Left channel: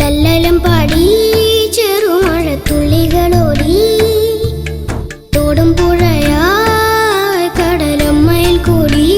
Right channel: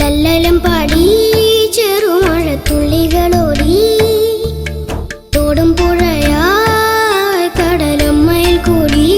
ലല്ലലം പാടി ചെറുമഴത്തുള്ളികളോടി. തോടും പുഴയാ കടലമ്മയിൽ കൂടി.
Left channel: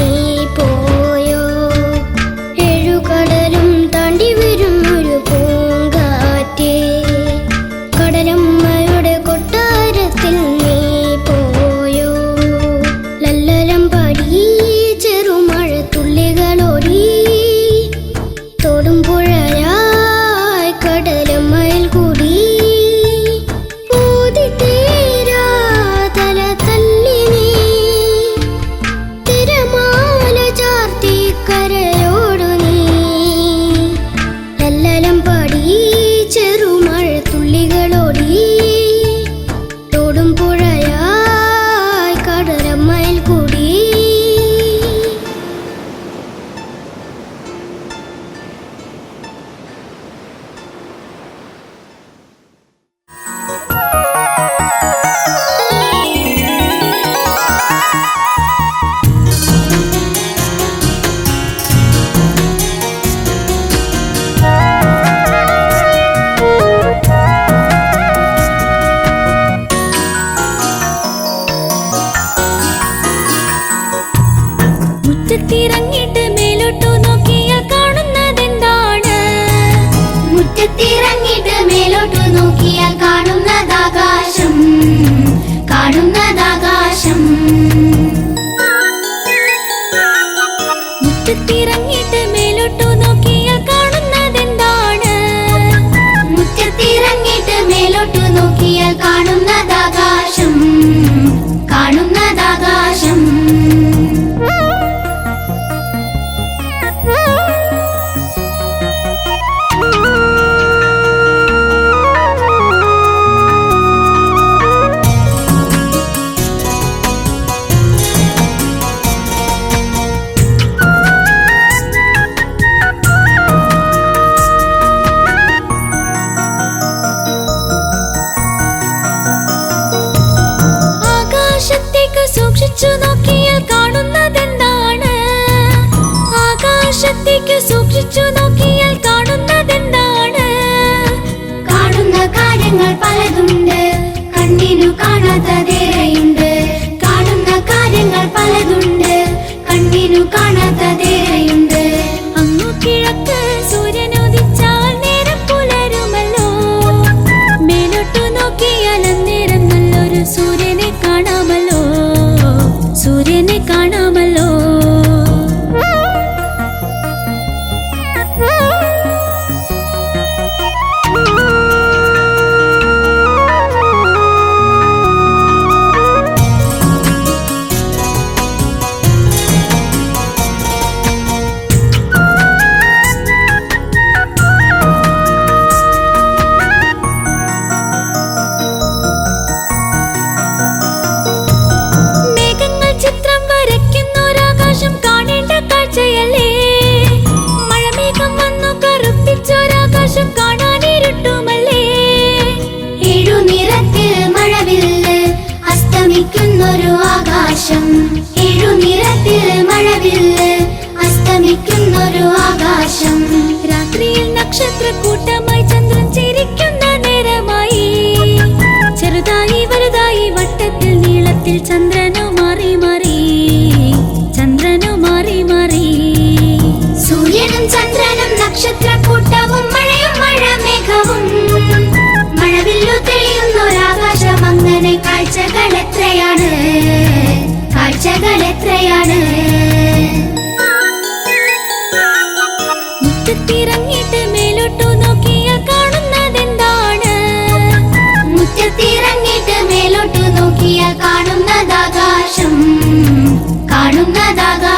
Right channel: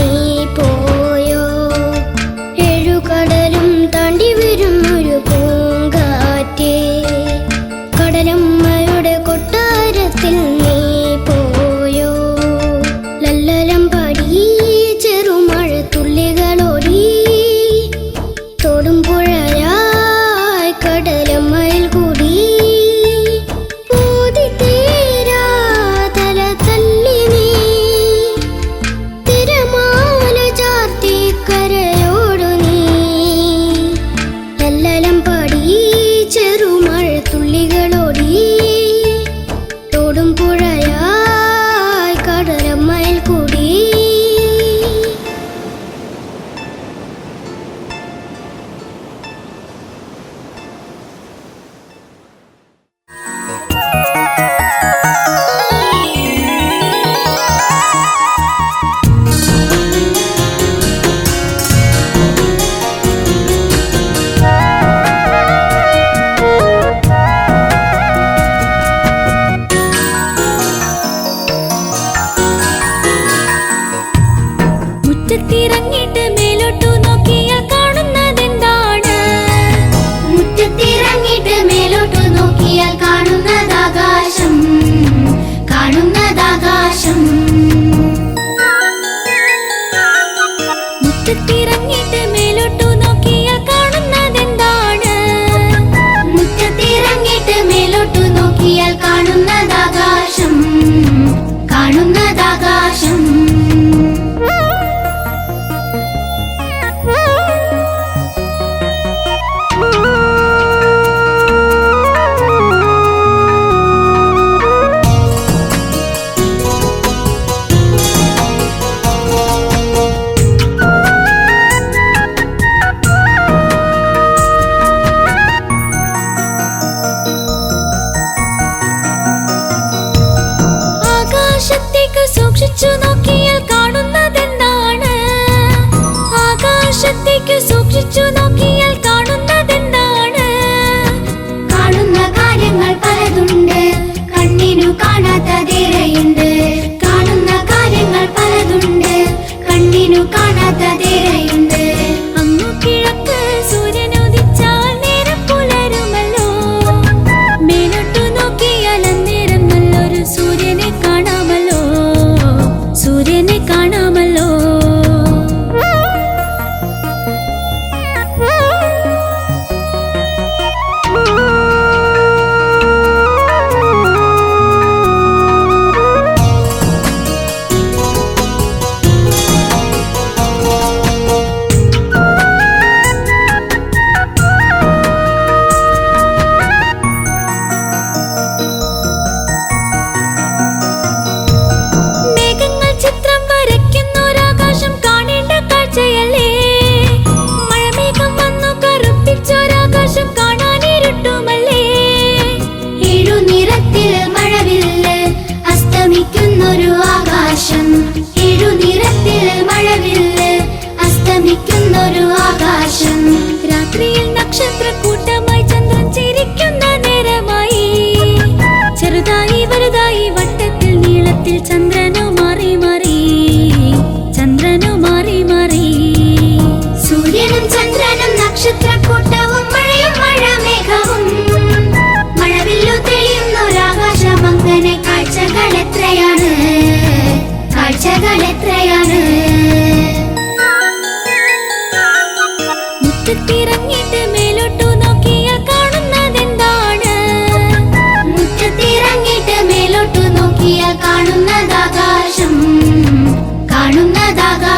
കരമ്മയുടെ കൊട്ടാരത്തിൽ ആകാശത്തേക്ക് സൂക്ഷിച്ചു നോക്കിയാൽ കാണുന്നതെന്താണ്? ആകാശത്തേക്ക് സൂക്ഷിച്ചു നോക്കിയാൽ കാണുന്നതെന്താണ്? കാണുന്ന കാര്യങ്ങൾ പലതുണ്ട്. ചിത്രം വരയ്ക്കുന്നൊരാകാശം കാണേണ്ട കാഴ്ചയല്ലേ? മഴമേഘം വന്നു കറുപ്പിച്ചൊരാകാശം കാണാനിരുട്ടുമല്ലേ? ഏഴു നിറത്തിൽ മഴവില്ല് അസ്തമിക്കുന്നൊരു ആകാശം. ഏഴു മഴവില്ല് അസ്തമിക്കുന്നൊരു ആകാശം. രാത്രിയിൽ നക്ഷത്രക്കൂട്ടമായി ചന്ദ്രൻ ചിരിക്കുന്ന നേരമായി വട്ടത്തിൽ ചന്ദ്രനു മാറി മാറി ചന്ദ്രനോ മാറി മാറി. സൂര്യനും ചന്ദ്രനും നക്ഷത്രക്കൂട്ടവും മഴയും മഴ മഴമേഘവും. മഴവില്ലു തെളിയുന്നൊരാകാശം അങ്ങനെ കാഴ്ചകൾ എത്രയാണ്? കാഴ്ചകൾ എത്രയാണ്? കാണുന്നതാകാശം കാണുന്നതാകാശം